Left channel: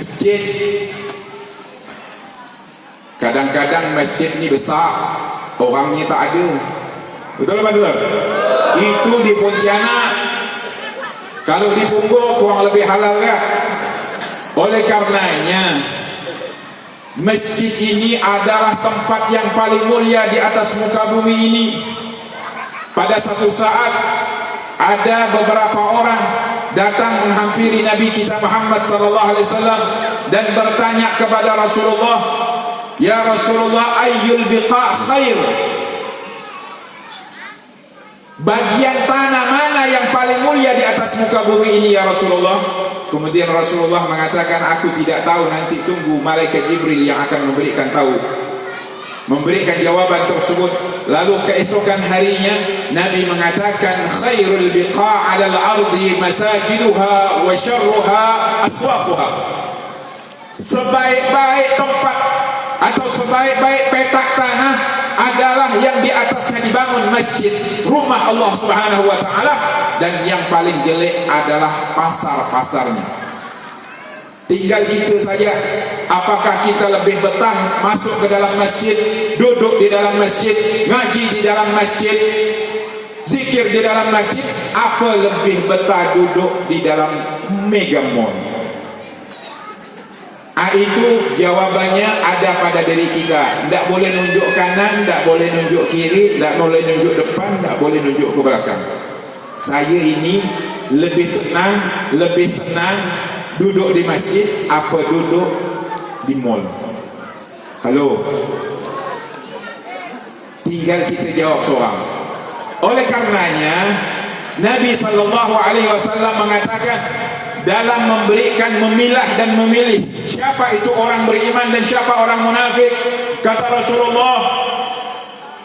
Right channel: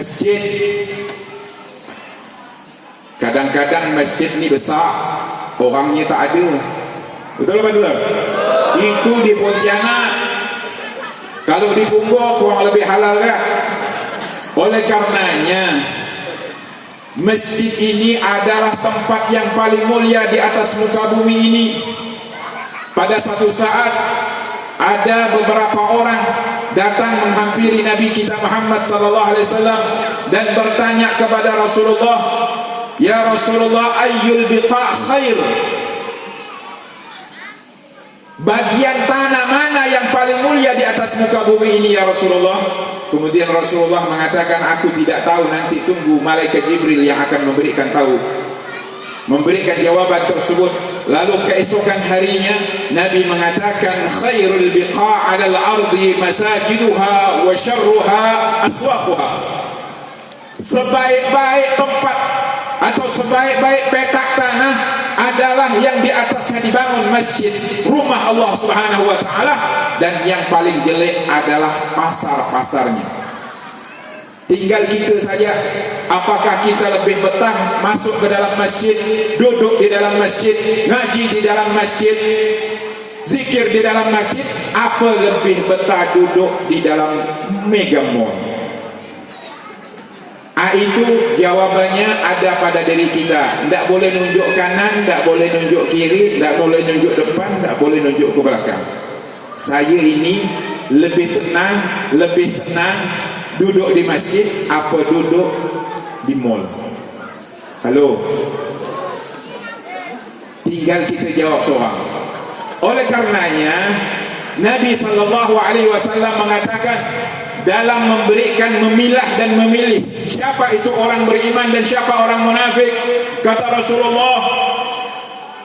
masjid. Kadang-kadang masjid ni besar, orangnya tak ada. Betul apa betul? Itu di Pontianak. Kalau di Punggol kurang lebih halal kan? Oleh karenanya masjid ini adalah tempat yang paling mulia di atas muka bumi ini. Pada satu saat ada beberapa orang datang menghampiri Nabi kita Muhammad sallallahu alaihi wasallam dan bertanya kepada Rasulullah, "Ya Rasulullah, ayyul biqa' khair?" Bagian tanah mana yang paling mulia di atas muka bumi ini ya Rasulullah? Kemudian Rasulullah mengatakan, "Aku tidak tahu, nanti tunggu malaikat Jibril yang akan memberikan jawaban tersebut." Lalu keesokan harinya Nabi mengatakan, "Khairul biqa' 'alal ardi masajiduha wa syarruha aswaquha." Sebaik-baik tempat atau sebaik-baik petak tanah adalah yang di atasnya dibangun masjid, rumah Allah Subhanahu wa taala, dan yang paling jelek adalah pasar-pasarnya. Tinggal kita saja, apakah kita lebih betah masuk ke dalam masjid, duduk di dalam masjid, ngaji di dalam masjid, zikir di dalam masjid, apa lebih betah duduk di dalam mega mall? Itu jawabannya ada pada diri kita. Tak boleh nunjuk kanan, tak boleh nunjuk kiri, tak boleh nunjuk depan, tak boleh nunjuk ke belakang. Saya ini lebih tenang, lebih senang duduk di masjid apa duduk di mall. Halo, tinggal kita jawab seorang. Oleh karenanya Nabi SAW mengatakan, dalam memberikan, memilah dan memilih siapa itu orang beriman dan siapa orang munafik, kata Rasulullah,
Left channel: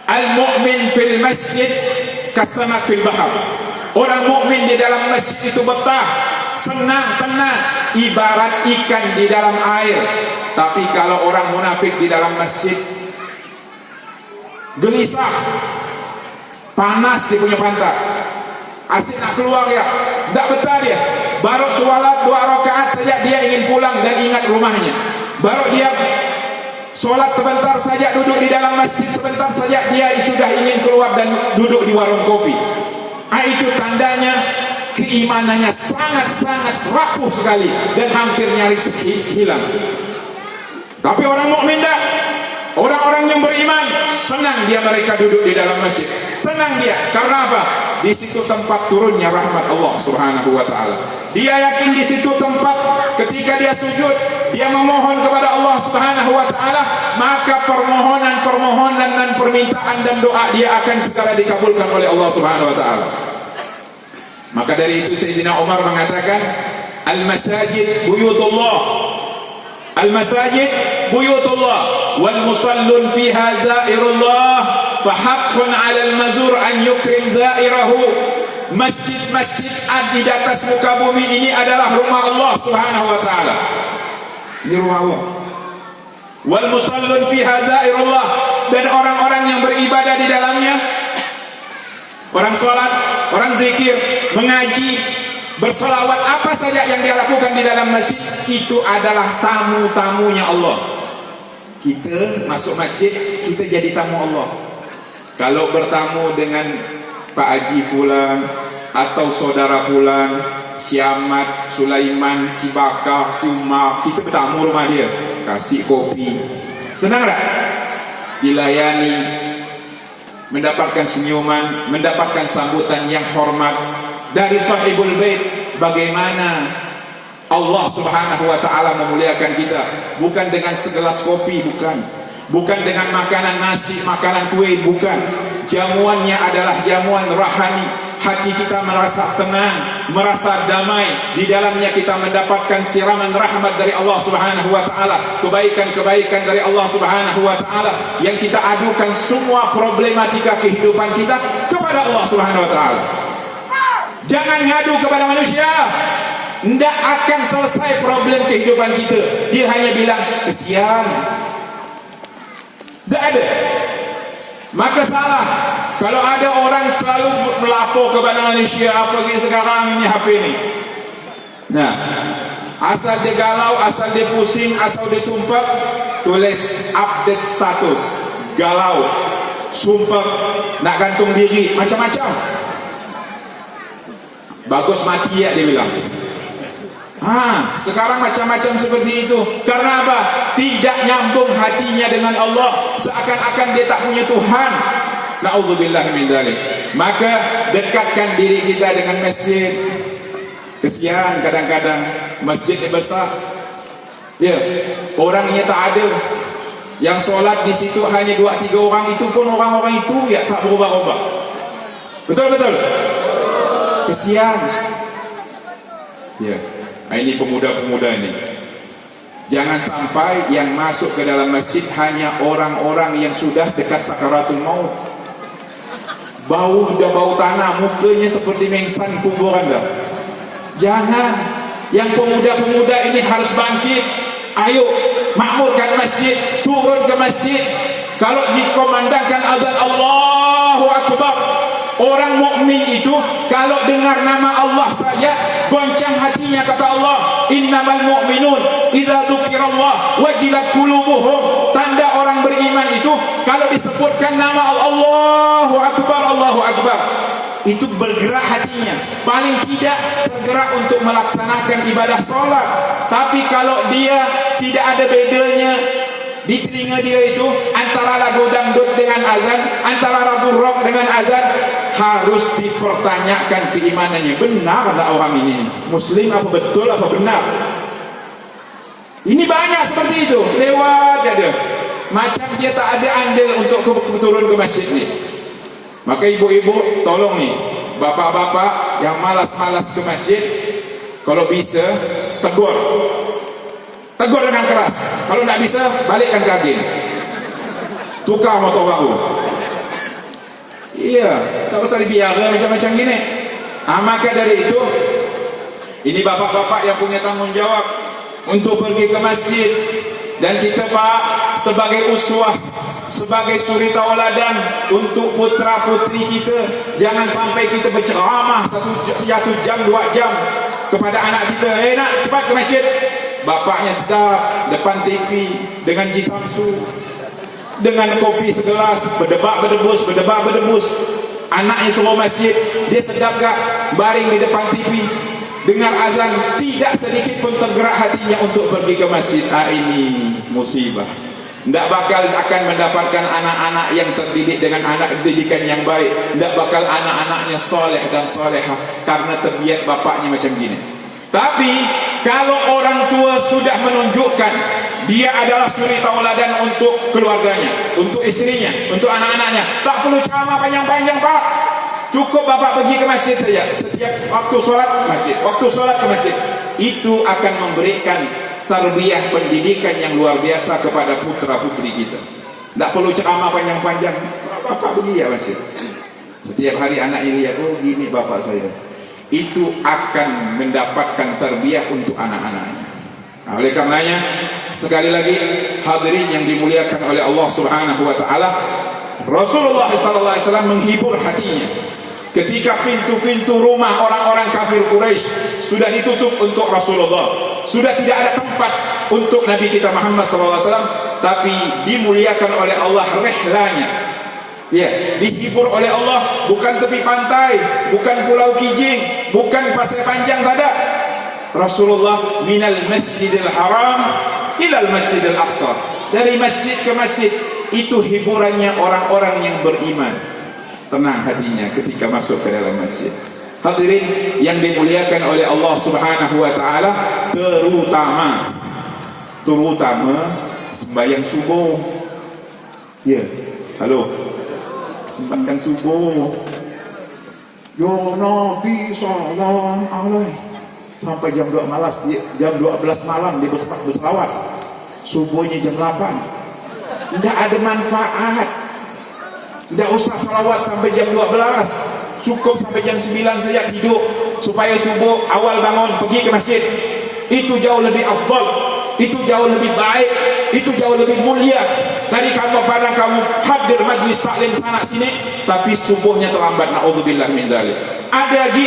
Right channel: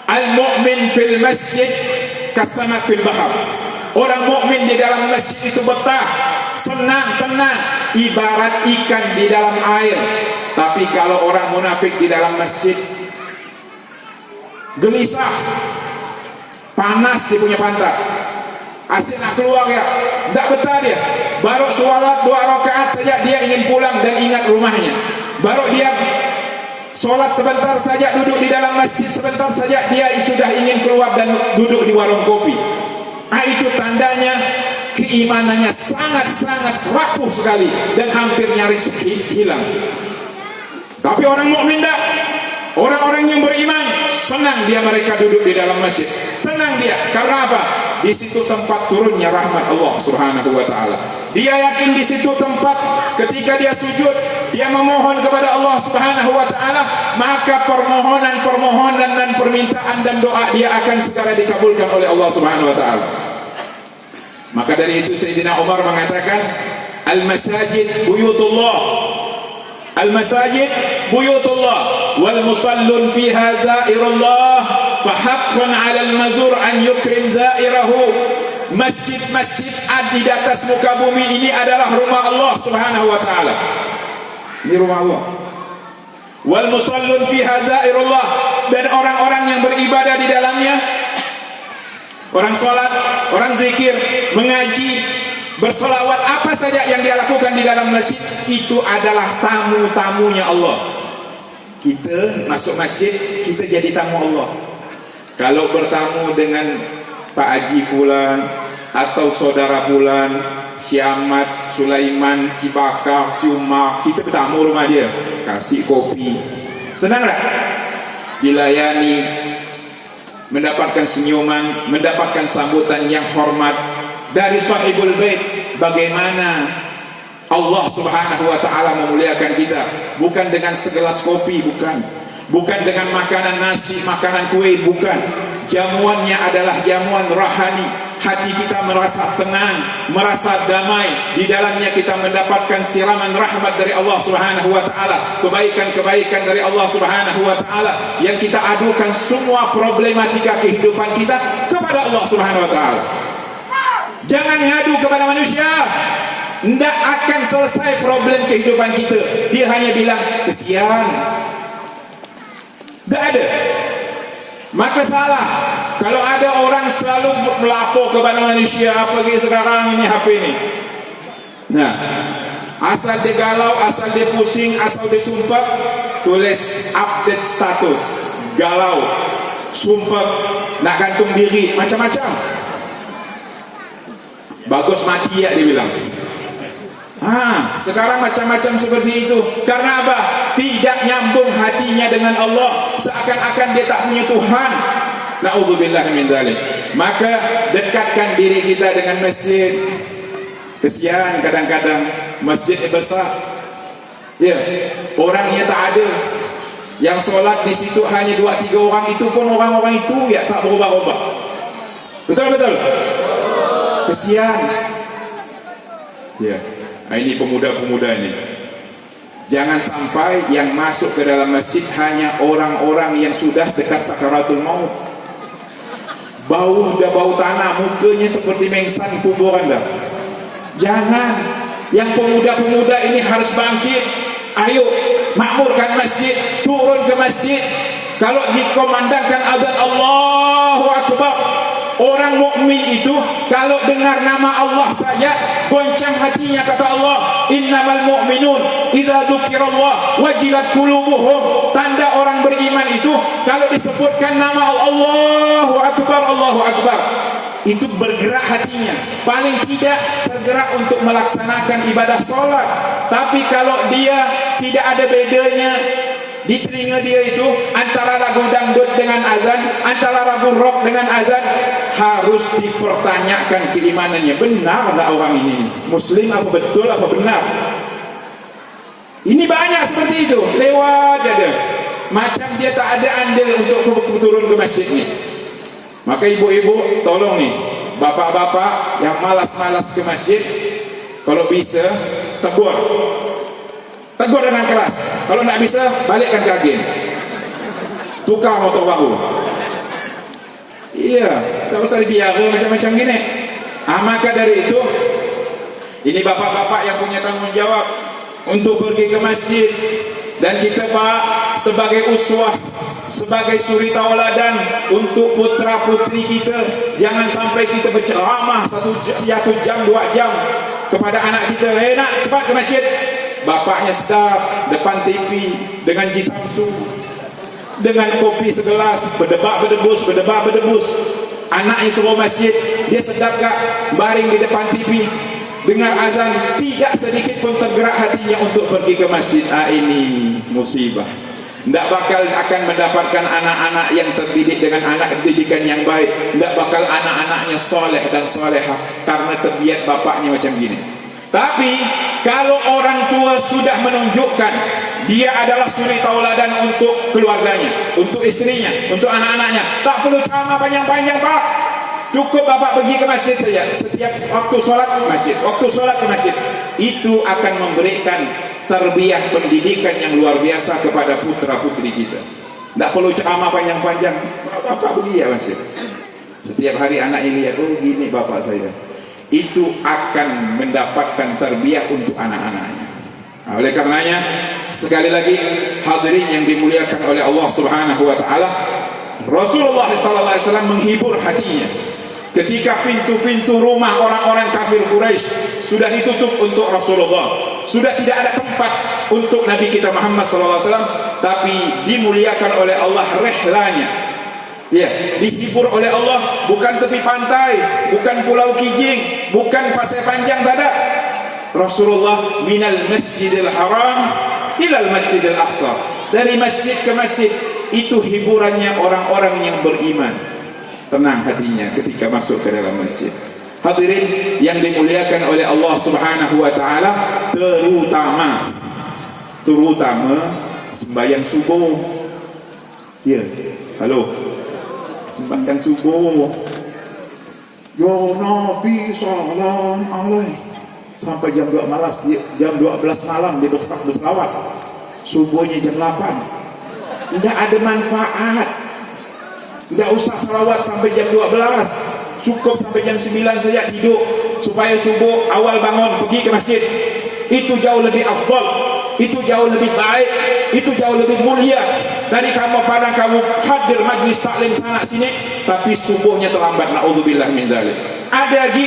al-mu'min fil masjid kasamak fil bahar. Orang mukmin di dalam masjid itu betah, senang, tenang, ibarat ikan di dalam air. Tapi kalau orang munafik di dalam masjid, gelisah, panas dia punya pantat, asyik nak keluar ya, tak betah dia. Baru solat 2 rakaat saja dia ingin pulang dan ingat rumahnya. Baru dia solat sebentar saja, duduk di dalam masjid sebentar saja, dia sudah ingin keluar dan duduk di warung kopi. Itu tandanya keimanannya sangat-sangat rapuh sekali dan hampir nyaris hilang. Tapi orang mukmin tak, orang-orang yang beriman senang dia mereka duduk di dalam masjid. Tenang dia, karena apa? Di situ tempat turunnya rahmat Allah Subhanahu wa taala. Dia yakin di situ tempat ketika dia sujud, dia memohon kepada Allah Subhanahu wa taala, maka permohonan dan permintaan dan doa dia akan segera dikabulkan oleh Allah Subhanahu wa taala. Maka dari itu Sayyidina Umar mengatakan, al-masajid buyutullah. Al-masajid buyutullah wal musallun fiha zairullah. Fahaqqun 'alal mazur an yukrim zairahu. Masjid-masjid di atas muka bumi ini adalah rumah Allah Subhanahu wa taala. Ini rumah Allah. Wal musallun fiha zairullah, dan orang-orang yang beribadah di dalamnya, orang salat, orang zikir, mengaji, bersolawat, apa saja yang dia lakukan di dalam masjid, itu adalah tamu-tamunya Allah. Kita masuk masjid, kita jadi tamu Allah. Kalau bertamu dengan Pak Haji Fulan atau saudara Fulan, si Ahmad, Sulaiman, si Bakar, si Umar, kita bertamu rumah dia, kasih kopi, senang tak? Dilayani, mendapatkan senyuman, mendapatkan sambutan yang hormat dari sahibul bait. Bagaimana Allah Subhanahu wa taala memuliakan kita, bukan dengan segelas kopi, bukan dengan makanan nasi, makanan kue, bukan. Jamuannya adalah jamuan rohani. Hati kita merasa tenang, merasa damai. Di dalamnya kita mendapatkan siraman rahmat dari Allah Subhanahu wa taala, kebaikan-kebaikan dari Allah Subhanahu wa taala, yang kita adukan semua problematika kehidupan kita kepada Allah Subhanahu wa taala. Jangan ngadu kepada manusia, tidak akan selesai problem kehidupan kita. Dia hanya bilang kesian, tidak ada. Maka salah kalau ada orang selalu melapor kepada manusia, apa lagi sekarang ini HP ini. Nah, Asal dia galau, asal dia pusing, asal dia sumpah, tulis update status. Galau, sumpah, nak gantung diri, macam-macam. Bagus mati ya, dia bilang. Sekarang macam-macam seperti itu. Karena apa? Tidak nyambung hatinya dengan Allah, seakan-akan dia tak punya Tuhan. Na'udzubillah min dzalik. Maka dekatkan diri kita dengan masjid. Kesian kadang-kadang masjid besar, ya, orangnya tak ada. Yang solat di situ hanya 2-3 orang, itu pun orang-orang itu ya tak berubah-ubah. Betul-betul. Kesian. Ya. Nah, ini pemuda-pemuda ini. Jangan sampai yang masuk ke dalam masjid hanya orang-orang yang sudah dekat sakaratul maut. Bau dah bau tanah, mukanya seperti mengsan kuburan dah. Jangan. Yang pemuda-pemuda ini harus bangkit. Ayo, makmurkan masjid, turun ke masjid. Kalau dikomandangkan azan Allahu Akbar, orang mukmin itu kalau dengar nama Allah saja goncang hatinya, kata Allah, innamal mu'minun idza dzukirallah wajilat qulubuhum. Tanda orang beriman itu kalau disebutkan nama Allahu Akbar, Allahu Akbar, itu bergerak hatinya. Paling tidak tergerak untuk melaksanakan ibadah solat. Tapi kalau dia tidak ada bedanya di telinga dia itu antara lagu dangdut dengan azan, antara lagu rock dengan azan, harus dipertanyakan keimanannya. Benar tak orang ini Muslim, apa betul, apa benar? Ini banyak seperti itu, lewat aja. Macam dia tak ada andil untuk turun ke masjid ni. Maka ibu-ibu tolong nih, bapak-bapak yang malas-malas ke masjid, kalau bisa tegur dengan keras. Kalau tak bisa, balikkan ke agen, tukar motor baru. Iya, tak usah dibiara macam-macam gini. Maka dari itu, ini bapak-bapak yang punya tanggung jawab untuk pergi ke masjid. Dan kita Pak, sebagai uswah, sebagai suri tauladan untuk putra putri kita, jangan sampai kita berceramah 1 jam 2 jam kepada anak kita, nak cepat ke masjid. Bapaknya sedap depan TV dengan jisamsu, dengan kopi segelas, berdebat-berdebus. Anaknya suruh masjid, dia sedap gak baring di depan TV dengar azan, tidak sedikit pun tergerak hatinya untuk pergi ke masjid. Ini musibah. Tidak bakal akan mendapatkan anak-anak yang terdidik dengan anak pendidikan yang baik. Tidak bakal anak-anaknya soleh dan solehah karena terbiak bapaknya macam gini. Tapi kalau orang tua sudah menunjukkan dia adalah suri tauladan untuk keluarganya, untuk istrinya, untuk anak-anaknya, tak perlu ceramah panjang-panjang Pak. Cukup bapak pergi ke masjid saja. Setiap waktu solat ke masjid, waktu solat ke masjid. Itu akan memberikan tarbiyah pendidikan yang luar biasa kepada putra putri kita. Tak perlu ceramah panjang-panjang. Bapak pergi ya masjid. Setiap hari anak ini lihat, oh gini bapak saya. Itu akan mendapatkan tarbiyah untuk anak-anaknya. Oleh karenanya, sekali lagi hadirin yang dimuliakan oleh Allah Subhanahu wa taala, Rasulullah SAW menghibur hatinya ketika pintu-pintu rumah orang-orang kafir Quraisy sudah ditutup untuk Rasulullah, sudah tidak ada tempat untuk Nabi kita Muhammad SAW, tapi dimuliakan oleh Allah rehlanya. Ya, dihibur oleh Allah, bukan tepi pantai, bukan Pulau Kijing, bukan Pasir Panjang, tak ada. Rasulullah minal Masjidil Haram ilal Masjidil Aqsa, dari masjid ke masjid. Itu hiburannya orang-orang yang beriman. Tenang hatinya ketika masuk ke dalam masjid. Hadirin yang dimuliakan oleh Allah Subhanahu wa taala, terutama sembahyang subuh. Ya, halo. Sembahyang subuh. Ya Nabi salam alaihi. Sampai jam 12 malam dia berselawat. Subuhnya jam 8. Tidak ada manfaat. Tidak usah salawat sampai jam 12. Cukup sampai jam 9 saja tidur, supaya subuh awal bangun pergi ke masjid. Itu jauh lebih afdal, itu jauh lebih baik, itu jauh lebih mulia dari kamu hadir majlis taklim sana sini tapi subuhnya terlambat. Na'udzubillah min dzalik. Ada lagi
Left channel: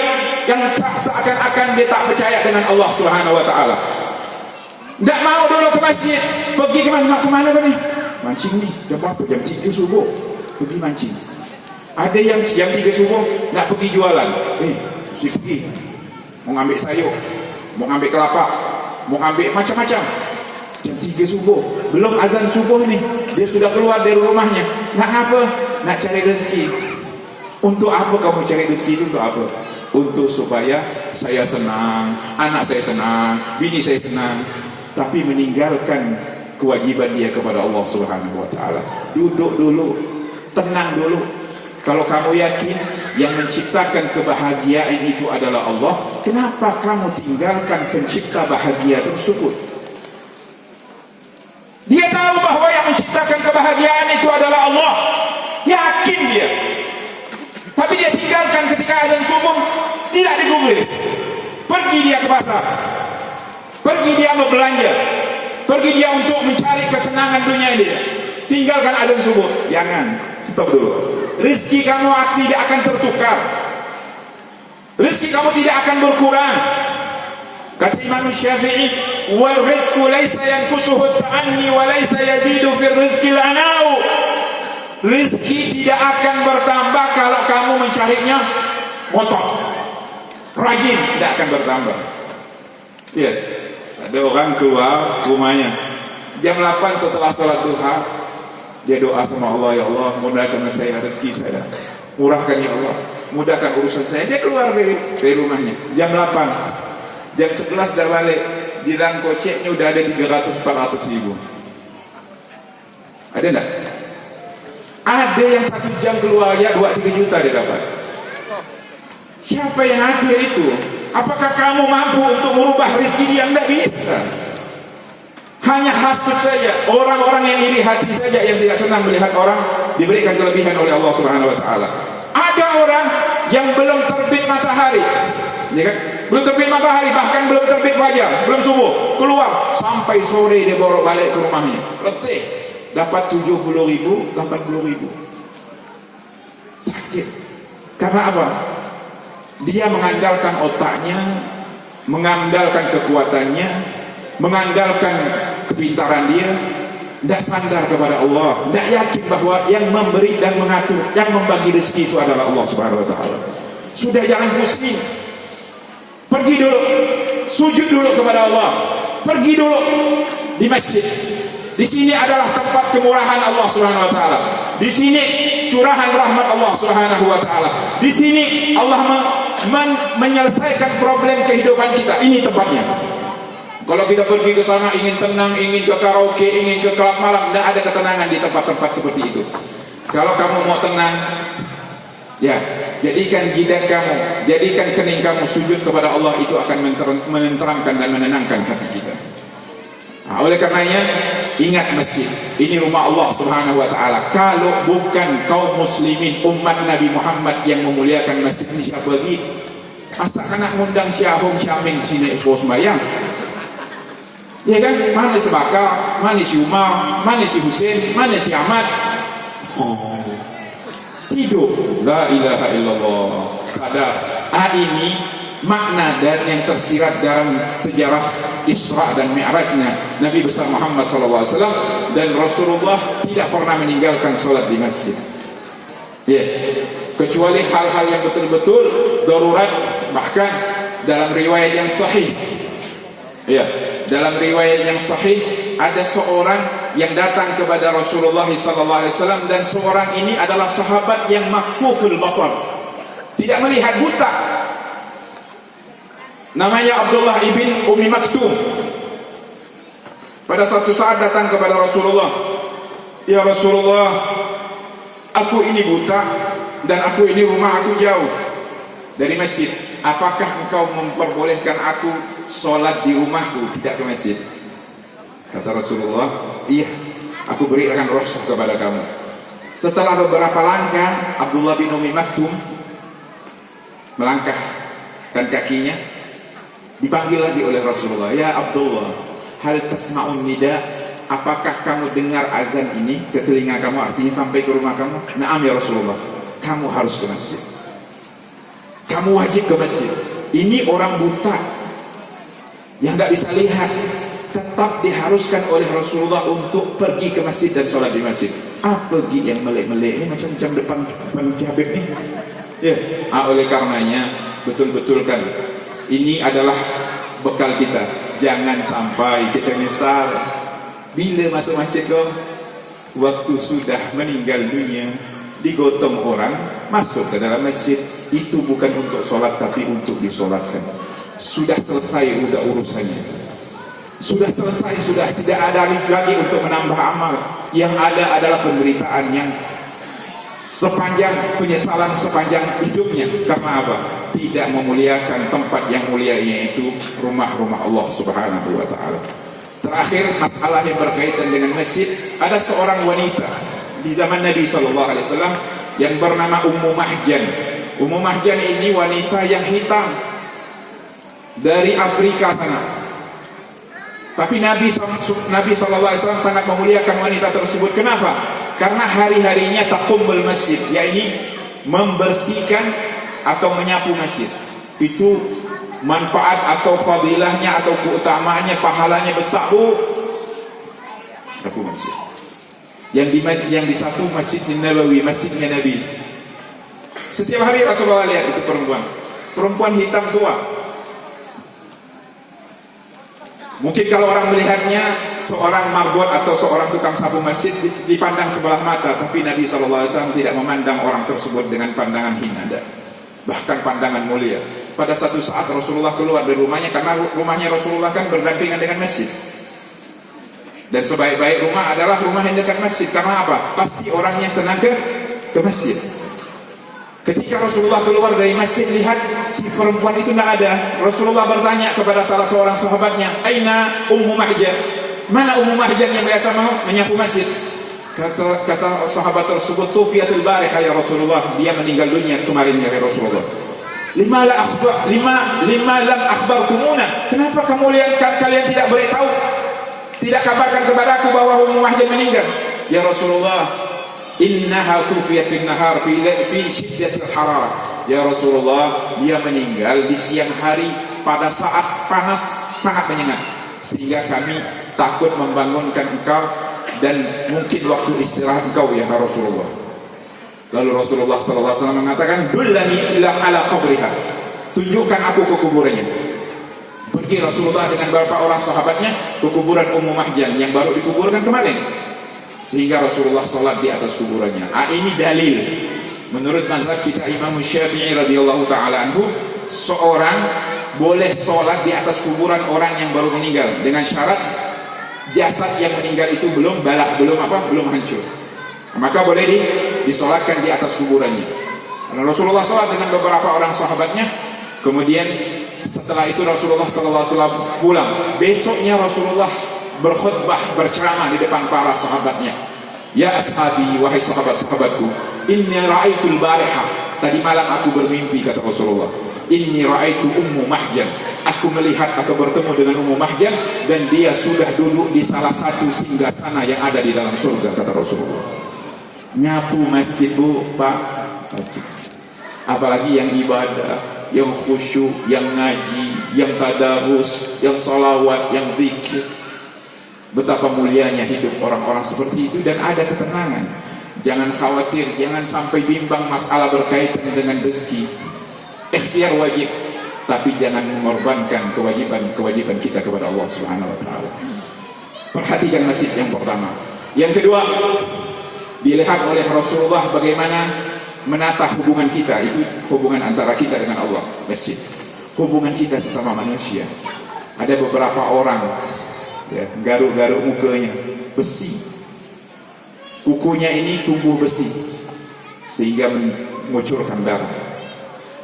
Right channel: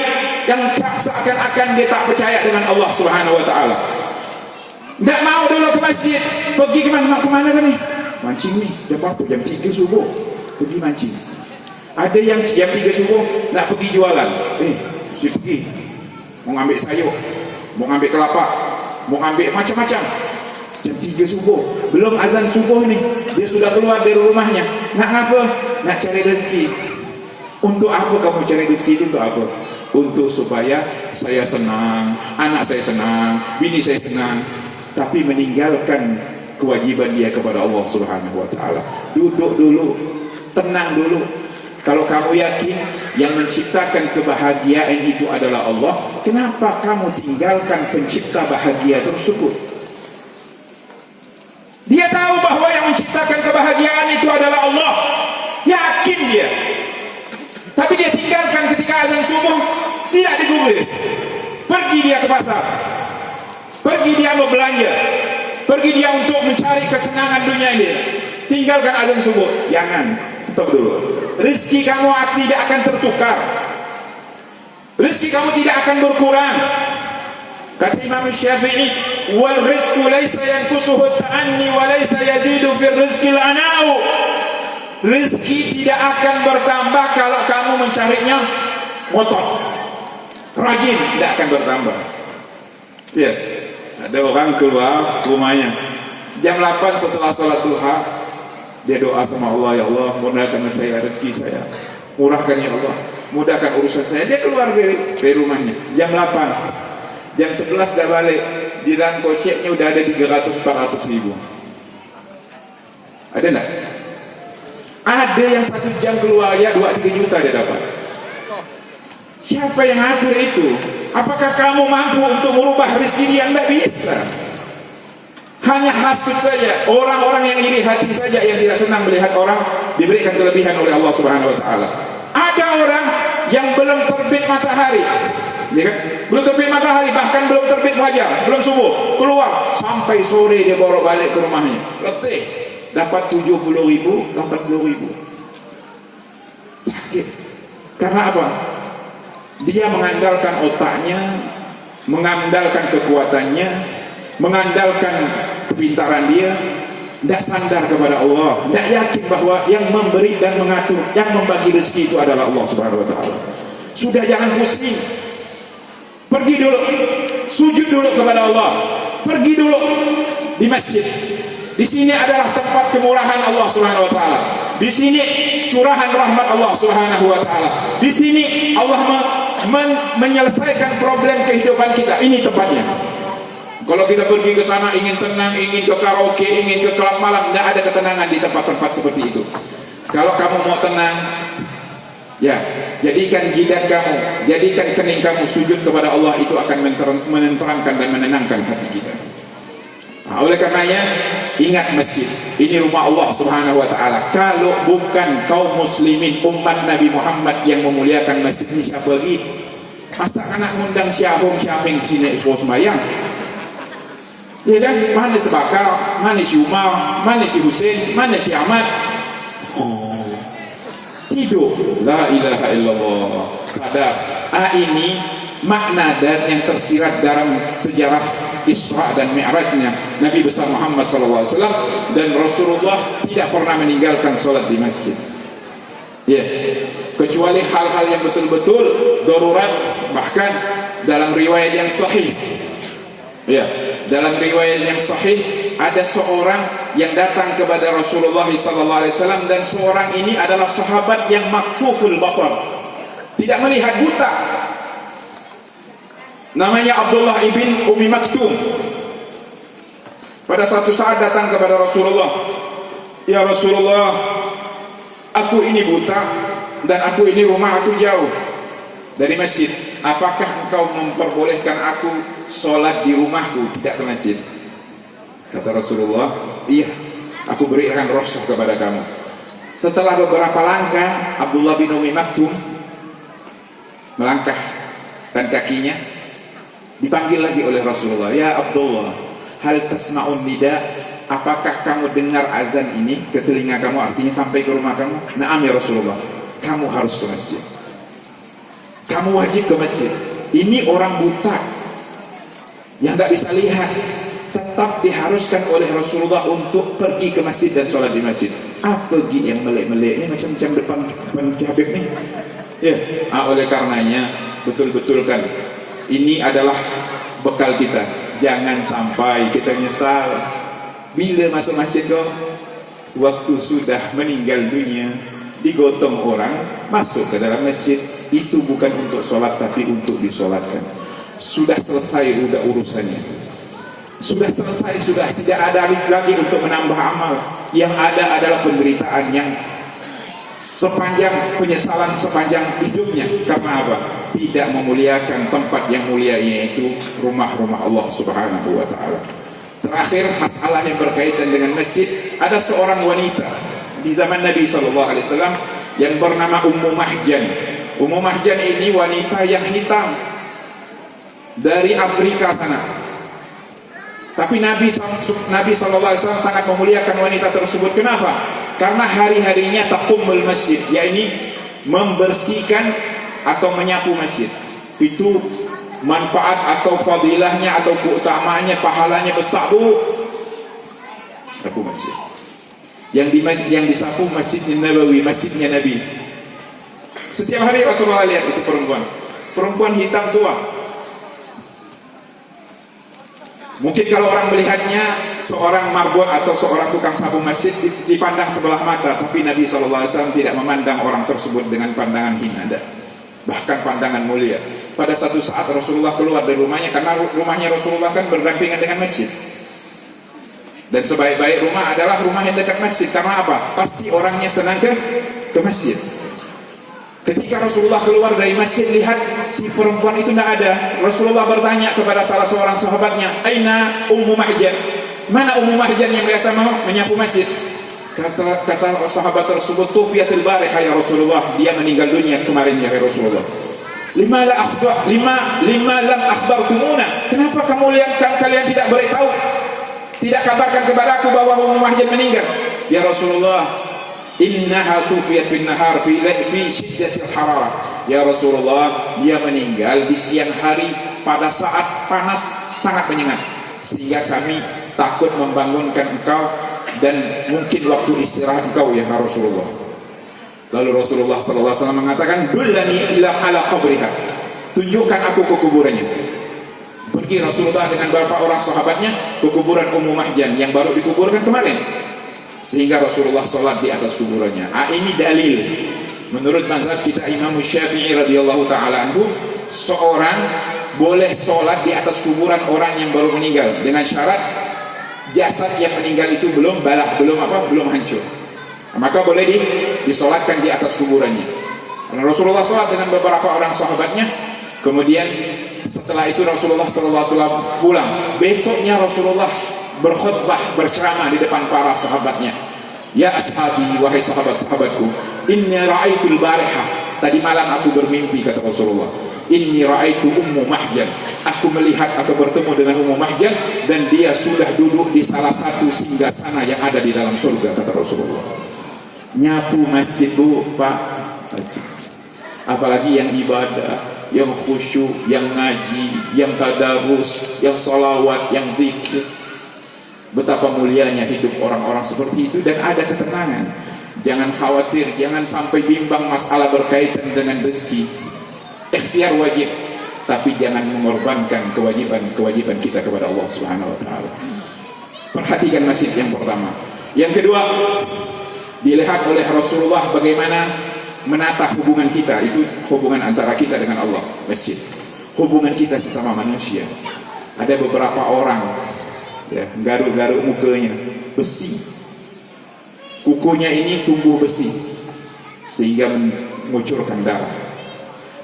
yang seakan-akan dia tak percaya dengan Allah Subhanahu wa taala. Tidak mau dulu ke masjid. Pergi kemana kan ni? Mancing ni. Jam berapa? Jam 3 subuh. Pergi mancing. Ada yang jam 3 subuh nak pergi jualan. Mesti pergi. Mau ambil sayur, mau ambil kelapa, mau ambil macam-macam. Jam 3 subuh. Belum azan subuh ni, dia sudah keluar dari rumahnya. Nak apa? Nak cari rezeki. Untuk apa kamu cari rezeki itu? Untuk apa? Untuk supaya saya senang, anak saya senang, bini saya senang. Tapi meninggalkan kewajiban dia kepada Allah Subhanahu wa taala. Duduk dulu, tenang dulu. Kalau kamu yakin yang menciptakan kebahagiaan itu adalah Allah, kenapa kamu tinggalkan pencipta bahagia tersebut? Dia tahu bahawa yang menciptakan kebahagiaan itu adalah Allah. Yakin dia. Tapi dia tinggalkan ketika azan subuh, tidak digubris. Pergi dia ke pasar. Pergi dia berbelanja. Pergi dia untuk mencari kesenangan dunia dia. Tinggalkan azan subuh. Jangan. Stop dulu. Rizki kamu tidak akan tertukar. Rizki kamu tidak akan berkurang. Kata Imam Syafi'i, wal rizqu laysa yanqusuhu at-ta'anni wa laysa yazidu fi rizqi al-ana'u. Rizki tidak akan bertambah kalau kamu mencarinya motor. Rajin, tidak akan bertambah. Ya, ada orang keluar rumahnya jam 8 setelah sholat duha, dia doa sama Allah, ya Allah, mudahkan saya rezeki saya, murahkan ya Allah, mudahkan urusan saya. Dia keluar dari rumahnya jam 8, jam 11 dah balik, di dalam koceknya udah ada 300-400 ribu. Ada tak? Ada yang 1 jam keluar ya 2-3 juta dia dapat. Siapa yang atur itu? Apakah kamu mampu untuk merubah rezeki dia? Tidak bisa. Hanya hasud saja, orang-orang yang iri hati saja yang tidak senang melihat orang diberikan kelebihan oleh Allah Subhanahu wa taala. Ada orang yang belum terbit matahari, ya kan? Belum terbit matahari, bahkan belum terbit fajar, belum subuh, keluar sampai sore dia baru balik ke rumahnya. Letih, dapat 70.000, 80.000. Sakit. Karena apa? Dia mengandalkan otaknya, mengandalkan kekuatannya, mengandalkan kepintaran dia, tidak sandar kepada Allah, tidak yakin bahwa yang memberi dan mengatur, yang membagi rezeki itu adalah Allah Subhanahu wa taala. Sudah, jangan pusing. Pergi dulu, sujud dulu kepada Allah. Pergi dulu di masjid. Di sini adalah tempat kemurahan Allah Subhanahu wa taala. Di sini curahan rahmat Allah Subhanahu wa taala. Di sini Allah menyelesaikan problem kehidupan kita. Ini tempatnya. Kalau kita pergi ke sana ingin tenang, ingin ke karaoke, ingin ke klub malam, tidak ada ketenangan di tempat-tempat seperti itu. Kalau kamu mau tenang, ya, jadikan jidat kamu, jadikan kening kamu sujud kepada Allah, itu akan menenteramkan dan menenangkan hati kita. Nah, oleh karenanya ingat masjid ini rumah Allah Subhanahu wa taala. Kalau bukan kaum muslimin umat Nabi Muhammad yang memuliakan masjid ini, siapa lagi? Masa anak ngundang Syahum Syaming sini ekspos sembahyang? Ya kan? Mana si Bakar, mana si Umar, mana si Husain, mana si Ahmad? Tidur. La ilaha illallah. Sadar. Ini makna dan yang tersirat dalam sejarah Isra dan Mi'rajnya Nabi besar Muhammad SAW, dan Rasulullah tidak pernah meninggalkan solat di masjid. Ya, kecuali hal-hal yang betul-betul darurat. Bahkan dalam riwayat yang sahih, ya, dalam riwayat yang sahih ada seorang yang datang kepada Rasulullah SAW, dan seorang ini adalah sahabat yang makfuful basar, tidak melihat, buta. Namanya Abdullah ibn Umi Maktum. Pada suatu saat datang kepada Rasulullah, ya Rasulullah, aku ini buta dan aku ini rumah aku jauh dari masjid. Apakah engkau memperbolehkan aku sholat di rumahku, tidak ke masjid? Kata Rasulullah, iya, aku berikan rukhsah kepada kamu. Setelah beberapa langkah, Abdullah bin Umi Maktum melangkahkan kakinya, dipanggil lagi oleh Rasulullah, ya Abdullah, hal tasma'un nida, apakah kamu dengar azan ini ke telinga kamu, artinya sampai ke rumah kamu? Naam ya Rasulullah, kamu harus ke masjid, kamu wajib ke masjid. Ini orang buta yang tidak bisa lihat, tetap sahabat diharuskan oleh Rasulullah untuk pergi ke masjid dan sholat di masjid. Pergi yang melek-melek ni macam depan Habib ni. Ya, oleh karenanya betul-betulkan ini adalah bekal kita. Jangan sampai kita nyesal bila masuk masjid kau waktu sudah meninggal dunia, digotong orang masuk ke dalam masjid. Itu bukan untuk sholat tapi untuk disolatkan. Sudah selesai sudah urusannya, sudah selesai, sudah tidak ada lagi untuk menambah amal. Yang ada adalah penderitaan yang sepanjang penyesalan sepanjang hidupnya. Karena apa? Tidak memuliakan tempat yang mulia, yaitu rumah-rumah Allah Subhanahu wa ta'ala. Terakhir, masalah yang berkaitan dengan masjid. Ada seorang wanita di zaman Nabi SAW yang bernama Ummu Mahjan. Ummu Mahjan ini wanita yang hitam dari Afrika sana. Tapi Nabi SAW sangat memuliakan wanita tersebut. Kenapa? Karena hari-harinya taqumul masjid, yakni membersihkan atau menyapu masjid. Itu manfaat atau fadilahnya atau keutamaannya, pahalanya besar, Bu. Sapu masjid. Yang disapu Masjidnya Nabawi, masjidnya Nabi. Setiap hari Rasulullah lihat itu perempuan hitam tua. Mungkin kalau orang melihatnya seorang marbot atau seorang tukang sapu masjid dipandang sebelah mata, tapi Nabi SAW tidak memandang orang tersebut dengan pandangan hina, bahkan pandangan mulia. Pada satu saat Rasulullah keluar dari rumahnya, karena rumahnya Rasulullah kan berdampingan dengan masjid. Dan sebaik-baik rumah adalah rumah yang dekat masjid. Karena apa? Pasti orangnya senang ke masjid. Ketika Rasulullah keluar dari masjid, lihat si perempuan itu tidak ada. Rasulullah bertanya kepada salah seorang sahabatnya, Aina Ummu Mahjan? Mana Ummu Mahjan yang biasa menyapu masjid? Kata sahabat tersebut, Tufiyatul Barihah ya Rasulullah, dia meninggal dunia kemarin ya Rasulullah. Lima lam akhbartumuna. Kenapa kalian tidak beritahu? Tidak kabarkan kepadaku bahwa Ummu Mahjan meninggal? Ya Rasulullah, innaha tufiyat fi nahar fi syiddatil hararah. Ya Rasulullah, dia meninggal di siang hari pada saat panas sangat menyengat, sehingga kami takut membangunkan engkau dan mungkin waktu istirahat engkau ya Rasulullah. Lalu Rasulullah SAW mengatakan, dullani ila ala qabriha, tunjukkan aku ke kuburannya. Pergi Rasulullah dengan beberapa orang sahabatnya ke kuburan Ummu Mahjan yang baru dikuburkan kemarin, sehingga Rasulullah sholat di atas kuburannya. Ini dalil menurut mazhab kita Imam Syafi'i radhiyallahu ta'ala anhu, seorang boleh sholat di atas kuburan orang yang baru meninggal dengan syarat jasad yang meninggal itu belum hancur, maka boleh disolatkan di atas kuburannya. Rasulullah sholat dengan beberapa orang sahabatnya. Kemudian setelah itu Rasulullah SAW pulang. Besoknya Rasulullah berkhutbah, berceramah di depan para sahabatnya. Ya ashabi, wahai sahabat-sahabatku, inni ra'aitul barihah, tadi malam aku bermimpi, kata Rasulullah. Inni ra'aitu Ummu Mahjan, aku melihat atau bertemu dengan Ummu Mahjan, dan dia sudah duduk di salah satu singgasana yang ada di dalam surga, kata Rasulullah. Nyapu masjid, Bu, Pak, masjid. Apalagi yang ibadah, yang khusyuk, yang ngaji, yang tadarus, yang salawat, yang zikir. Betapa mulianya hidup orang-orang seperti itu, dan ada ketenangan. Jangan khawatir, jangan sampai bimbang masalah berkaitan dengan rezeki. Ikhtiar wajib, tapi jangan mengorbankan kewajiban kita kepada Allah Subhanahu wa taala. Perhatikan masjid yang pertama. Yang kedua, dilihat oleh Rasulullah bagaimana menata hubungan kita, itu hubungan antara kita dengan Allah, masjid. Hubungan kita sesama manusia. Ada beberapa orang ya, garuk-garuk mukanya besi, kukunya ini tumbuh besi sehingga mengucurkan darah.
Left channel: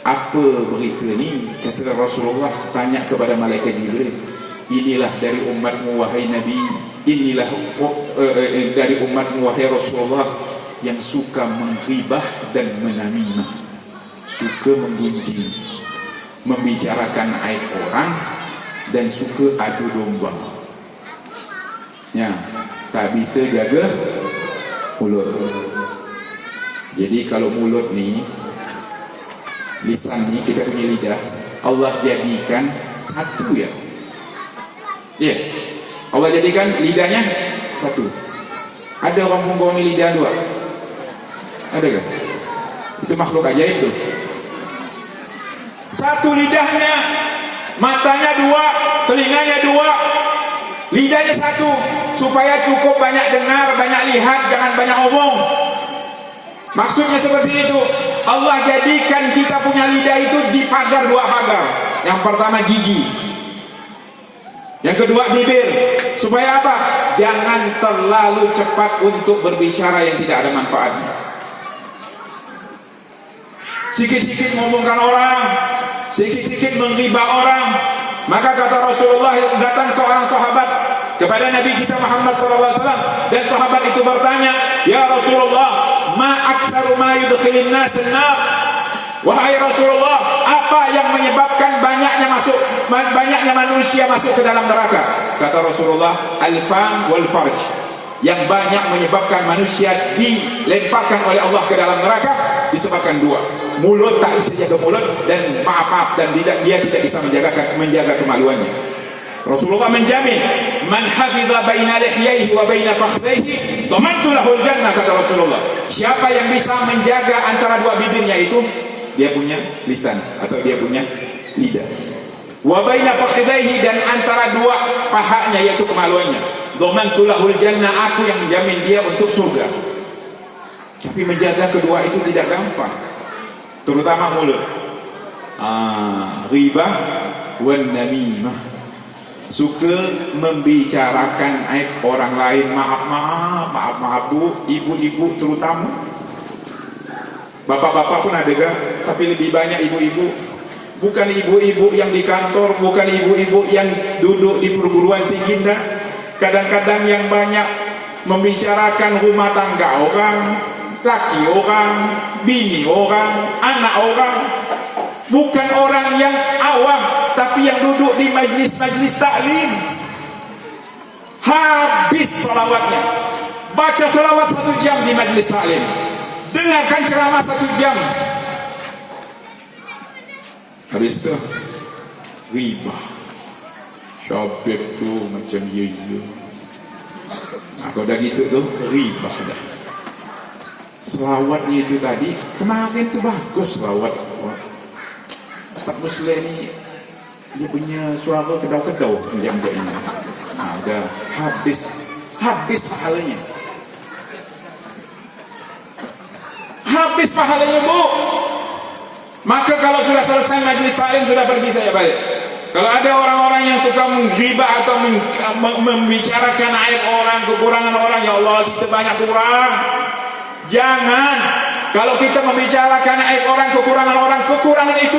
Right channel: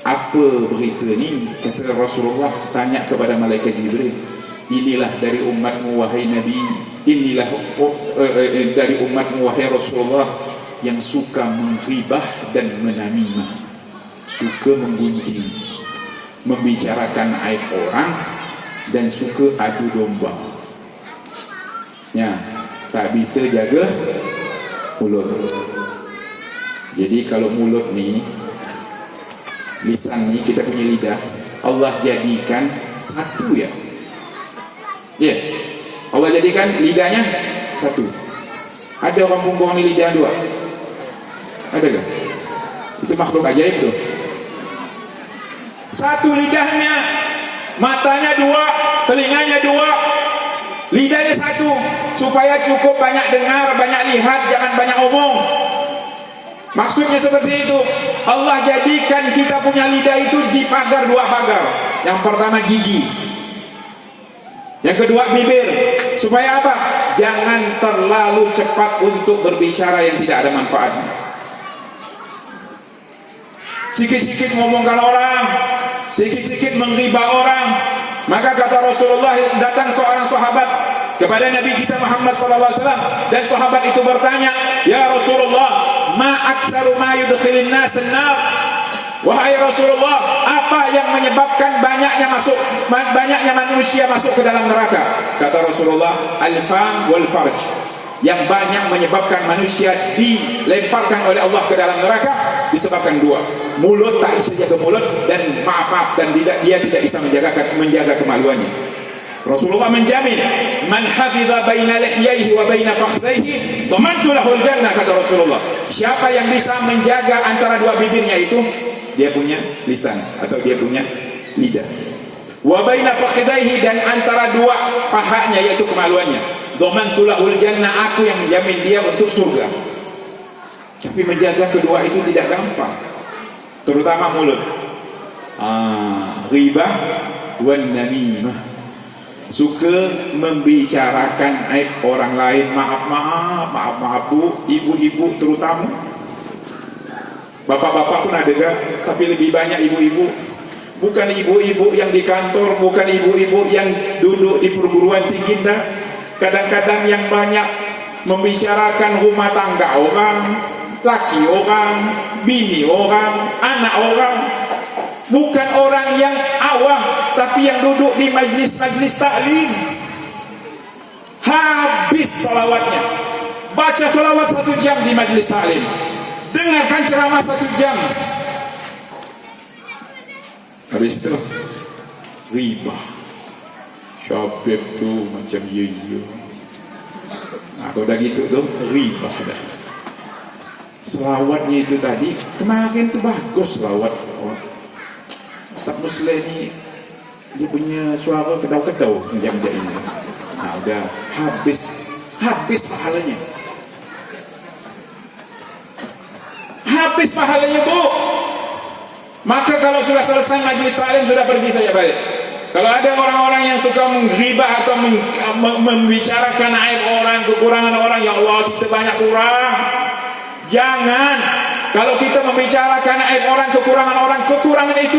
Apa berita ni? Kata Rasulullah, tanya kepada malaikat Jibril, inilah dari umatmu wahai Nabi, inilah dari umatmu wahai Rasulullah, yang suka menghibah dan menamimah, suka menggunjing, membicarakan aib orang, dan suka adu domba. Ya, tak bisa jaga mulut. Jadi kalau mulut ni, lisan ni, kita punya lidah, Allah jadikan satu ya. Ya, Allah jadikan lidahnya satu. Ada orang perempuan ni lidah dua? Ada kan? Itu makhluk ajaib tuh. Satu lidahnya, matanya dua, telinganya dua, lidahnya satu, supaya cukup banyak dengar, banyak lihat, jangan banyak omong. Maksudnya seperti itu. Allah jadikan kita punya lidah itu dipagar dua pagar. Yang pertama gigi, yang kedua bibir. Supaya apa? Jangan terlalu cepat untuk berbicara yang tidak ada manfaatnya. Sikit-sikit ngomongkan orang, sikit-sikit menghibah orang. Maka kata Rasulullah, datang seorang sahabat kepada Nabi kita Muhammad SAW, dan sahabat itu bertanya, "Ya Rasulullah, ma aktsaru ma yudkhilun nas an-nar?" Wahai Rasulullah, apa yang menyebabkan banyaknya manusia masuk ke dalam neraka? Kata Rasulullah, al-fam wal farj. Yang banyak menyebabkan manusia dilemparkan oleh Allah ke dalam neraka disebabkan dua. Mulut, tak bisa jaga mulut, dan maaf dan dia tidak bisa menjaga kemaluannya. Rasulullah menjamin, man hafiza baina lihyaihi wa baina fakhdhaihi dhamantu lahu al-jannah, kata Rasulullah. Siapa yang bisa menjaga antara dua bibirnya itu, dia punya lisan atau dia punya lidah. Wa baina fakhdhaihi, dan antara dua pahanya yaitu kemaluannya. Dhamantu lahu al-jannah, aku yang menjamin dia untuk surga. Tapi menjaga kedua itu tidak gampang, terutama mulut. Ghibah wan namimah, suka membicarakan aib orang lain. Maaf bu, ibu-ibu terutama. Bapak-bapak pun ada kan, tapi lebih banyak ibu-ibu. Bukan ibu-ibu yang di kantor, bukan ibu-ibu yang duduk di perguruan tinggi, dah. Kadang-kadang yang banyak membicarakan rumah tangga orang, laki orang, bini orang, anak orang. Bukan orang yang awam, tapi yang duduk di majlis-majlis taklim. Habis salawatnya, baca salawat 1 jam di majlis taklim, dengarkan ceramah 1 jam. Habis itu ghibah, syabir tu macam ye. Kalau dah gitu tu ghibah dah. Selawatnya itu tadi kemarin tu bagus selawat. Ustaz Muslim ni dia punya suara kedau-kedau macam ini. Dah habis pahalanya. Habis pahalanya bu. Maka kalau sudah selesai majlis taklim, sudah pergi saya balik. Kalau ada orang-orang yang suka menggibah atau membicarakan aib orang, kekurangan orang, ya Allah kita banyak kurang. Jangan. Kalau kita membicarakan aib orang, kekurangan itu